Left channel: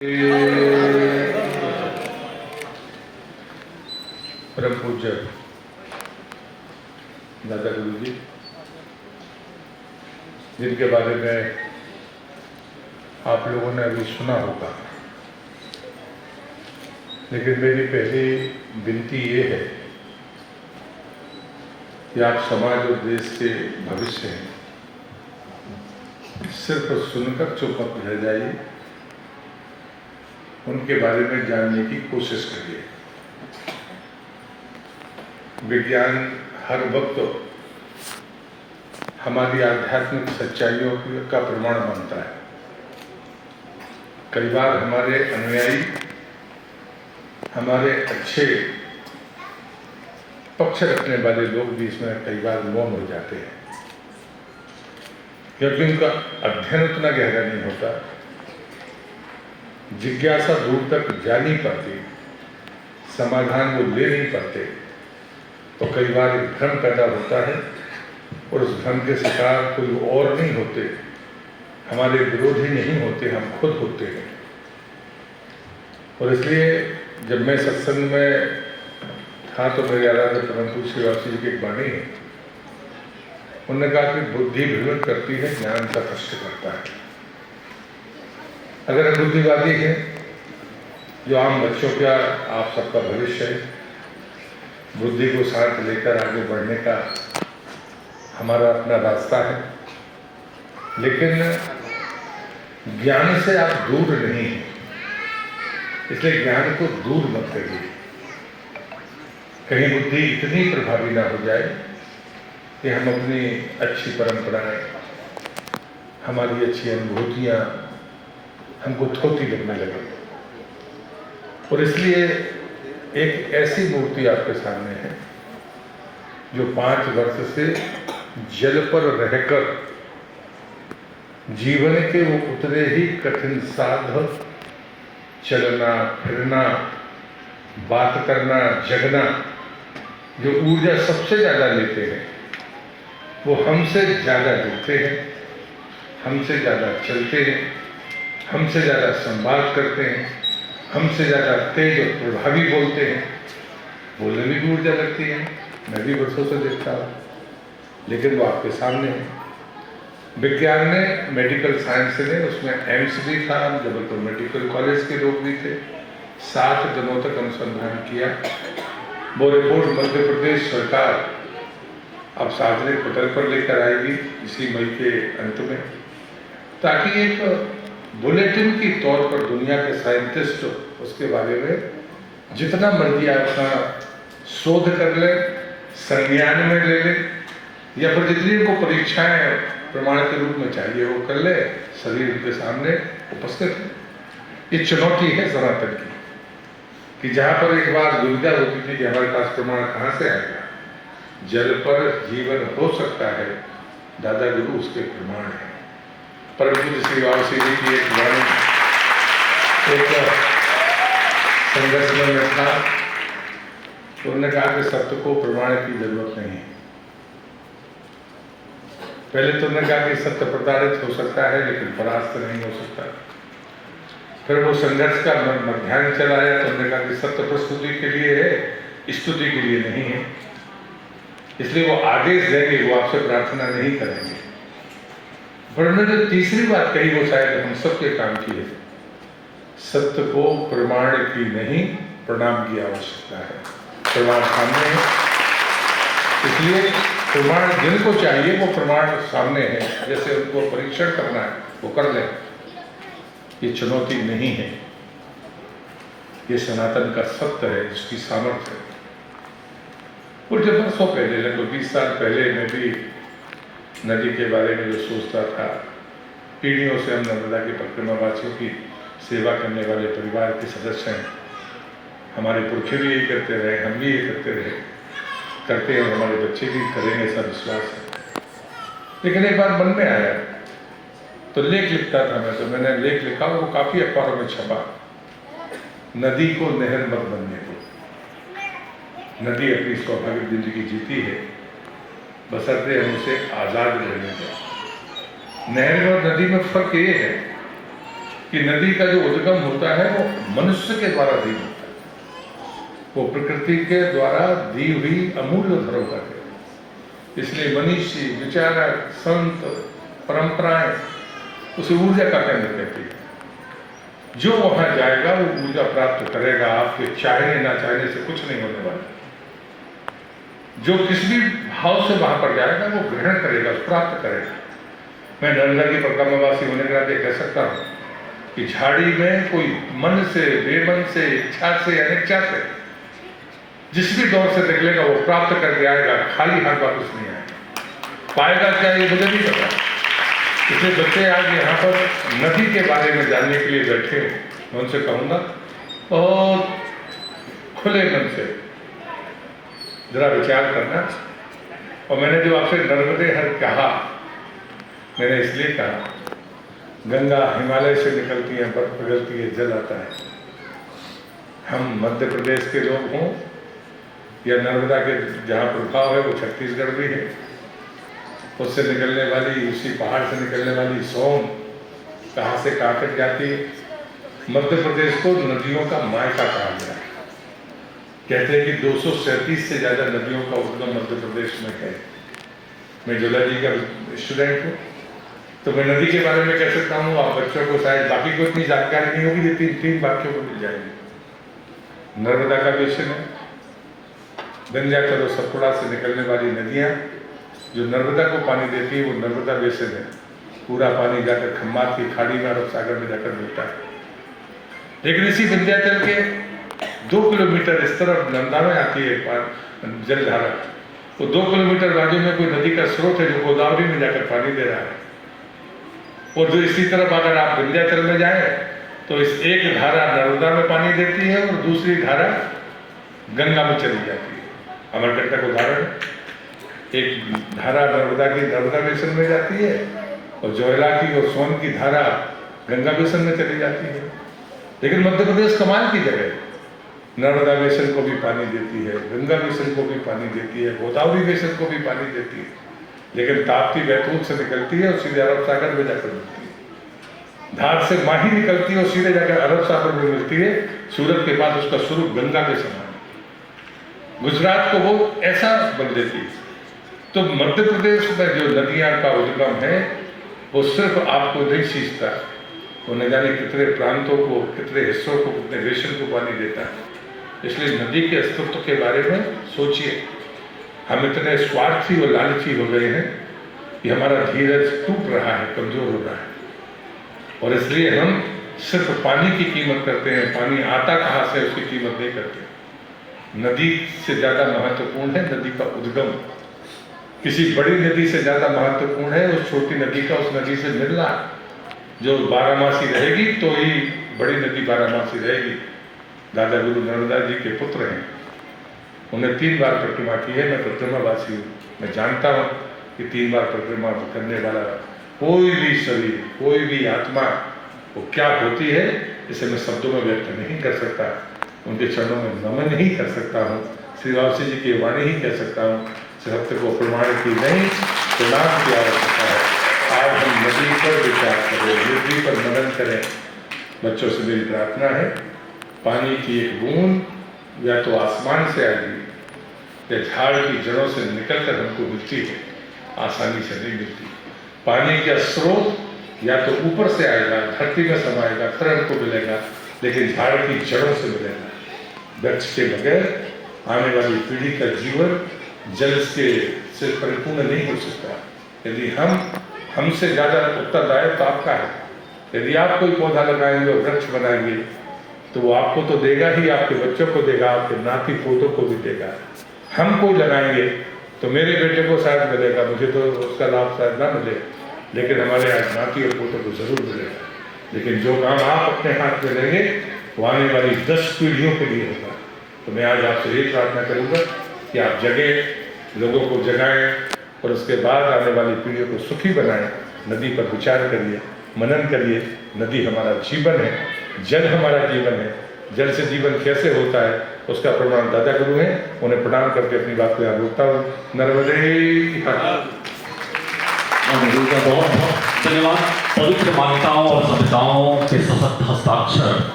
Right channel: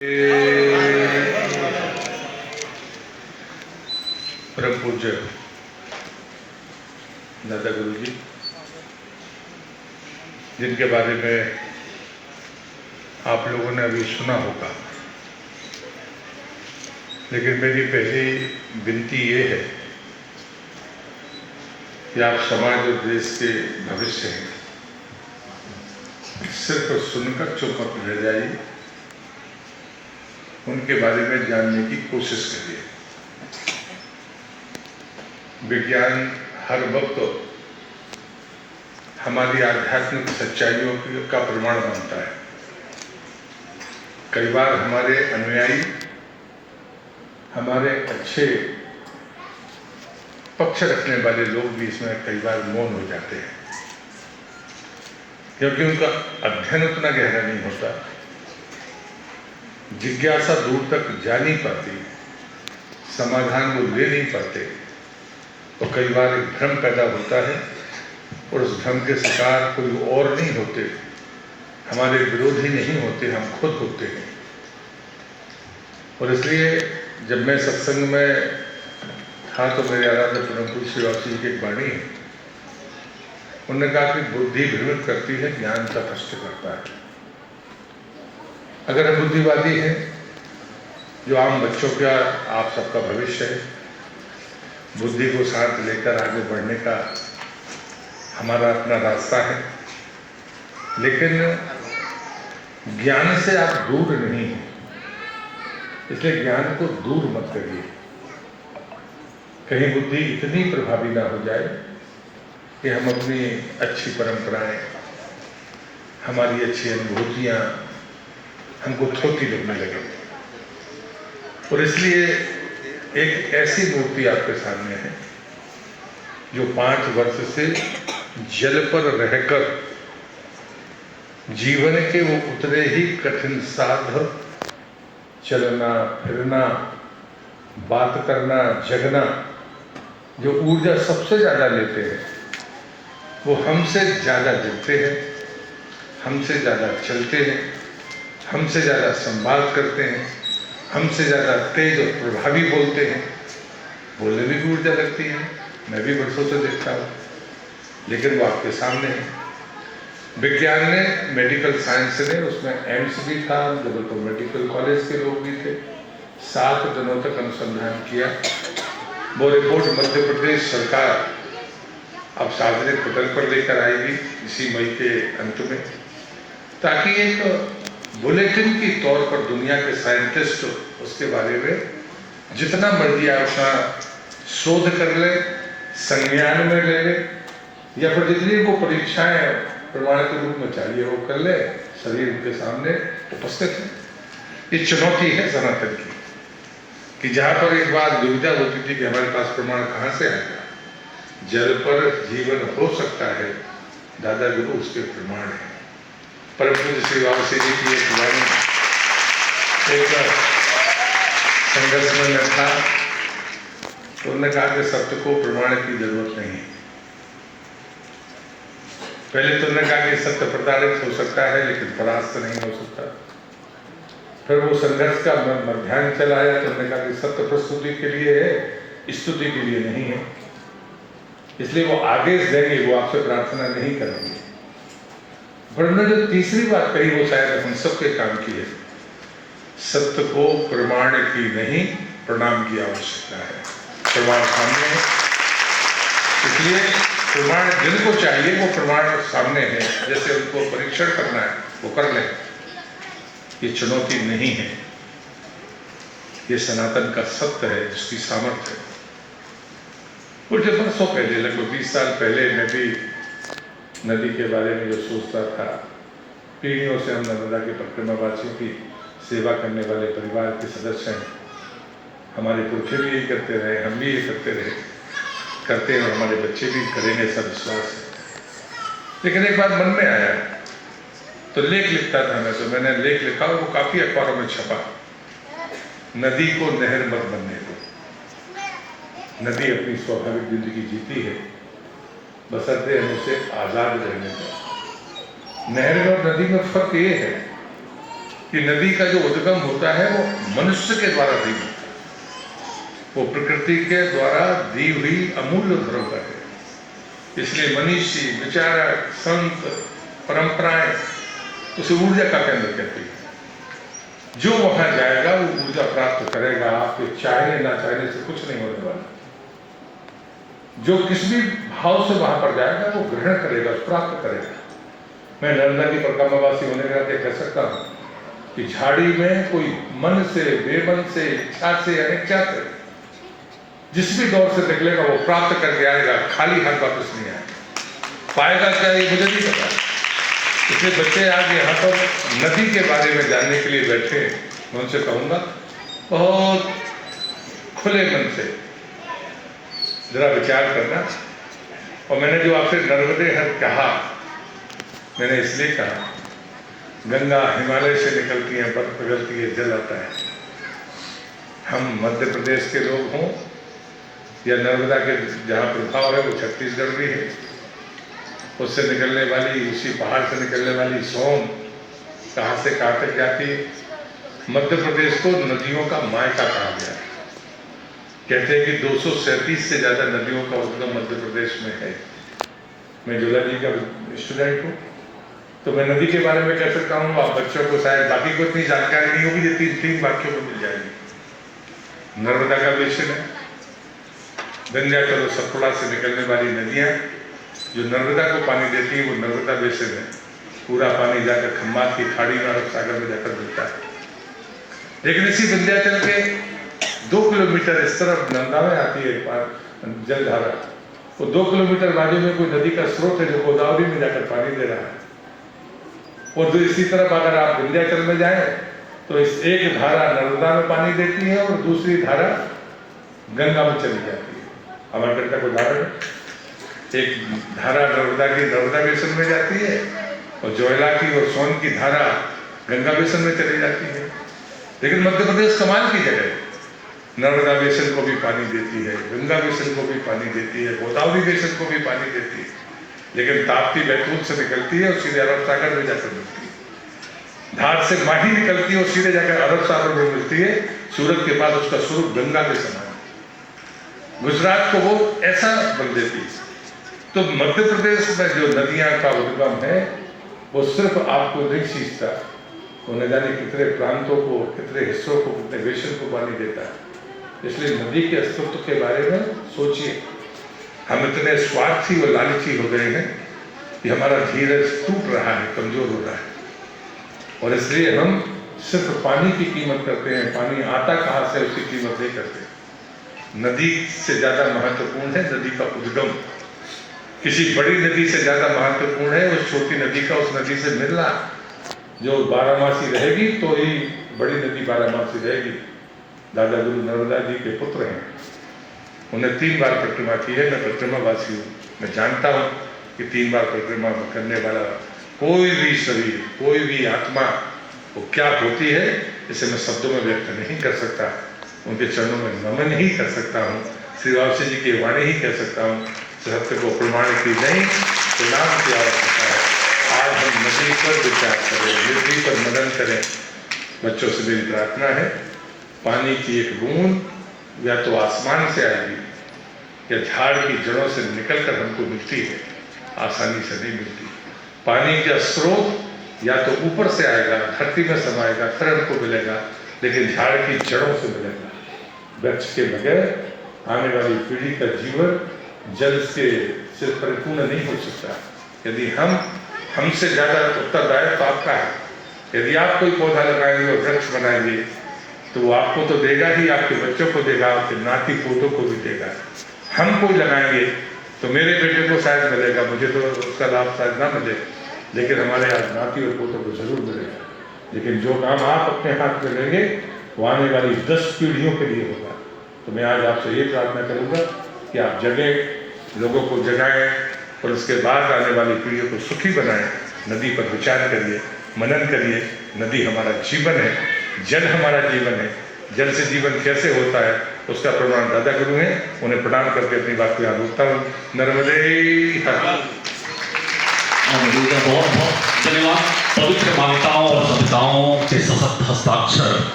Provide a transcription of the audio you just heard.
परम पूज्य दादा गुरु जी, जिनके बारे में आप लोगों ने अभी सुना होगा, लेकिन मेरी पहली विनती ये है कि आप समाज और देश के भविष्य हैं, सिर्फ सुनकर चुप मत रह जाइए, उनके बारे में जानने की कोशिश करिए। विज्ञान हर वक्त हमारी आध्यात्मिक सच्चाइयों का प्रमाण बनता है। कई बार हमारे अनुयायी, हमारे अच्छे पक्ष रखने वाले लोग भी इसमें कई बार मौन हो जाते हैं, क्योंकि उनका अध्ययन उतना गहरा नहीं होता, जिज्ञासा दूर तक जा नहीं पाती, समाधान वो ले नहीं पाते, तो कई बार एक भ्रम पैदा होता है और उस भ्रम के शिकार कोई और नहीं होते, हमारे विरोधी नहीं होते, हम खुद होते हैं। और इसलिए जब मैं सत्संग में था तो मेरे आराध्य परम पूज्य श्रीवासी जी की एक वाणी है, उन्होंने कहा कि बुद्धि भ्रमित करती है, ज्ञान का प्रश्न करता है। अगर हम बुद्धिवादी हैं, जो आम बच्चों का आप सबका भविष्य है, बुद्धि को साथ लेकर आगे बढ़ने का हमारा अपना रास्ता है, लेकिन ज्ञान से आप दूर नहीं हैं, इसलिए ज्ञान को दूर मत करिए। कहीं बुद्धि इतनी प्रभावी ना हो जाए कि हम अपनी अच्छी परंपराएं, हमारी अच्छी अनुभूतियां हमको थोती लगने लगे। और इसलिए एक ऐसी मूर्ति आपके सामने है जो 5 वर्ष से जल पर रहकर जीवन के वो उतरे ही कठिन साध, चलना फिरना, बात करना, जगना, जो ऊर्जा सबसे ज्यादा लेते हैं, वो हमसे ज्यादा दिखते हैं, हमसे ज्यादा चलते हैं, हमसे ज्यादा संवाद करते हैं, हमसे ज़्यादा तेज और प्रभावी बोलते हैं। बोलने में भी ऊर्जा लगती है, मैं भी वर्षों से देखता हूँ, लेकिन वो आपके सामने है। विज्ञान ने, मेडिकल साइंस ने, उसमें एम्स भी था, जबलपुर मेडिकल कॉलेज के लोग भी थे, 7 दिनों तक अनुसंधान किया। वो रिपोर्ट मध्य प्रदेश सरकार अब सार्वजनिक पटल पर लेकर आएगी इसी मई के अंत में, ताकि एक बुलेटिन की तौर पर दुनिया के साइंटिस्ट उसके बारे में जितना मर्जी आप अपना शोध कर ले, संज्ञान में ले ले, या फिर जितनी को परीक्षाएं प्रमाण के रूप में चाहिए वो कर ले, शरीर उनके सामने उपस्थित है। ये चुनौती है सनातन की, कि जहाँ पर एक बात दुविधा होती थी कि हमारे पास प्रमाण कहाँ से आएगा, जल पर जीवन हो सकता है, दादा गुरु उसके प्रमाण है। परम पूज्य श्रीवासी जी की एक संघर्ष में मैं था, तो उन्होंने कहा कि सत्य को प्रमाण की जरूरत नहीं है। पहले तो उन्होंने कहा कि सत्य प्रताड़ित हो सकता है लेकिन परास्त नहीं हो सकता। फिर वो संघर्ष का मध्याह्न चलाया तो उन्होंने कहा कि सत्य प्रस्तुति के लिए है, स्तुति के लिए नहीं है, इसलिए वो आदेश देंगे, वो आपसे प्रार्थना नहीं करेंगे। पर उन्होंने जो तीसरी बात कही वो शायद हम सबके काम की है, सत्य को प्रमाण की नहीं प्रणाम की आवश्यकता है। प्रमाण सामने है, इसलिए प्रमाण जिनको चाहिए वो प्रमाण सामने है, जैसे उनको परीक्षण करना है वो कर ले। ये चुनौती नहीं है, ये सनातन का सत्य है, जिसकी सामर्थ्य है। और जब वर्षों पहले, लगभग 20 साल पहले, मैं भी नदी के बारे में जो सोचता था, पीढ़ियों से हम नर्मदा के परिक्रमावासियों की सेवा करने वाले परिवार के सदस्य हैं, हमारे पुरखे भी यही करते रहे, हम भी यही करते रहे, करते हैं, हमारे बच्चे भी करेंगे, ऐसा विश्वास है। लेकिन एक बार मन में आया तो लेख लिखता था मैं, तो मैंने लेख लिखा, वो काफी अखबारों में छपा, नदी को नहर मत बनने दो। नदी अपनी स्वाभाविक जिंदगी जीती है, बशर्ते हम उसे आजाद रहने दें। नहर और नदी में फर्क ये है कि नदी का जो उद्गम होता है वो मनुष्य के द्वारा दी होता है, वो प्रकृति के द्वारा दी हुई अमूल्य धरोहर है। इसलिए मनीषी, विचारक, संत, परंपराएं उसे ऊर्जा का केंद्र कहती है। जो वहां जाएगा वो ऊर्जा प्राप्त करेगा। आपके चाहने ना चाहने से कुछ नहीं होने वाला। जो किस भी भाव से वहां पर जाएगा वो ग्रहण करेगा, प्राप्त करेगा। मैं नर्मदा की परिक्रमावासी होने के नाते कह सकता हूं कि झाड़ी में कोई मन से, बेमन से, इच्छा से, अनिच्छा से जिस भी दौर से निकलेगा वो प्राप्त करके आएगा, खाली हाथ वापस नहीं आएगा। पाएगा क्या ये मुझे नहीं पता। इसलिए बच्चे आज यहाँ पर नदी के बारे में जानने के लिए बैठे, मैं उनसे कहूँगा बहुत खुले मन से जरा विचार करना। और मैंने जो आपसे नर्मदे हर कहा, मैंने इसलिए कहा, गंगा हिमालय से निकलती है, बर्फ पिघलती है, जल आता है। हम मध्य प्रदेश के लोग हों या नर्मदा के जहाँ प्रभाव है वो छत्तीसगढ़ भी है, उससे निकलने वाली, उसी पहाड़ से निकलने वाली सोन कहाँ से कहाँ तक जाती है। मध्य प्रदेश को नदियों का मायका कहा गया। कहते हैं कि 237 से ज़्यादा नदियों का उद्गम मध्य प्रदेश में है। मैं जुलाजी का स्टूडेंट हूँ, तो मैं नदी के बारे में कह सकता हूँ। आप बच्चों को शायद बाकी को इतनी जानकारी नहीं होगी, ये तीन बाकियों को मिल जाएगी। नर्मदा का बेसिन है, विंध्याचल और सतपुड़ा से निकलने वाली नदियाँ जो नर्मदा को पानी देती है वो नर्मदा बेसिन है। पूरा पानी जाकर खम्बात की खाड़ी में, अरब सागर में जाकर मिलता है। लेकिन इसी विंध्याचल के 2 किलोमीटर इस तरफ नंदा में आती है जलधारा, तो 2 किलोमीटर बाजू में कोई नदी का स्रोत है जो गोदावरी में जाकर पानी दे रहा है। और जो इसी तरफ अगर आप विंध्याचल में जाएं तो इस एक धारा नर्मदा में पानी देती है और दूसरी धारा गंगा में चली जाती है। अमरकंटक उदाहरण, एक धारा नर्मदा की नर्मदा बेसिन में जाती है और जोयला की और सोन की धारा गंगा बेसिन में चली जाती है। लेकिन मध्य प्रदेश कमाल की जगह है, नर्मदा बेसिन को भी पानी देती है, गंगा बेसिन को भी पानी देती है, गोदावरी बेसिन को भी पानी देती है। लेकिन ताप्ती बैतूल से निकलती है और सीधे अरब सागर में जाकर मिलती है। धार से माही निकलती है और सीधे जाकर अरब सागर में मिलती है। सूरत के पास उसका स्वरूप गंगा के समान, गुजरात को वो ऐसा बन देती है। तो मध्य प्रदेश में जो नदियां का उद्गम है वो सिर्फ आपको नहीं सींचता, वो न जाने कितने प्रांतों को, कितने हिस्सों को, कितने देशों को पानी देता है। इसलिए नदी के अस्तित्व के बारे में सोचिए। हम इतने स्वार्थी और लालची हो गए हैं कि हमारा धीरज टूट रहा है, कमजोर हो रहा है। और इसलिए हम सिर्फ पानी की कीमत करते हैं, पानी आता कहाँ से उसकी कीमत नहीं करते। नदी से ज़्यादा महत्वपूर्ण है नदी का उद्गम। किसी बड़ी नदी से ज़्यादा महत्वपूर्ण है उस छोटी नदी का उस नदी से मिलना, जो बारहमासी रहेगी तो ही बड़ी नदी बारहमासी रहेगी। दादा गुरु नर्मदा जी के पुत्र हैं, उन्हें 3 बार परिक्रमा की है। मैं परिक्रमावासी हूँ, मैं जानता हूँ कि 3 बार परिक्रमा करने वाला कोई भी शरीर, कोई भी आत्मा वो क्या होती है इसे मैं शब्दों में व्यक्त नहीं कर सकता। उनके चरणों में नमन ही कर सकता हूँ, श्री वापसी जी की वाणी ही कह सकता हूँ। सत्य को प्रमाण की नहीं, प्रणाम की आवश्यकता है। आज हम नदी पर विचार करें, नदी पर मनन करें। बच्चों से मेरी प्रार्थना है, पानी की एक बूंद या तो आसमान से आएगी या झाड़ की जड़ों से निकलकर हमको मिलती है, आसानी से नहीं मिलती। पानी का स्रोत या तो ऊपर से आएगा, धरती में समाएगा, फिर हमको मिलेगा, लेकिन झाड़ की जड़ों से मिलेगा। वृक्ष के बगैर आने वाली पीढ़ी का जीवन जल से परिपूर्ण नहीं हो सकता। यदि हमसे ज़्यादा उत्तरदायित्व तो आपका है। यदि आप कोई पौधा लगाएंगे और वृक्ष बनाएंगे तो वो आपको तो देगा ही, आपके बच्चों को देगा, आपके नाती पोतों को भी देगा। हम कोई लगाएंगे तो मेरे बेटे को शायद मिलेगा, मुझे तो उसका लाभ शायद ना मिले, लेकिन हमारे आज नाती और पोतों को जरूर मिलेगा। लेकिन जो काम आप अपने हाथ में लेंगे वो आने वाली 10 पीढ़ियों के लिए होगा। तो मैं आज आपसे यही प्रार्थना करूँगा कि आप जगें, लोगों को जगाएं और उसके बाद आने वाली पीढ़ियों को सुखी बनाएं। नदी पर विचार करिए, मनन करिए। नदी हमारा जीवन है, जल हमारा जीवन है। जल से जीवन कैसे होता है उसका प्रमाण दादा गुरु हैं, उन्हें प्रणाम करके अपनी बात को यहाँ रोकता हूँ। नर्मदे हर। बहुत बहुत धन्यवाद। पवित्र मान्यताओं और सभ्यताओं के सशक्त हस्ताक्षर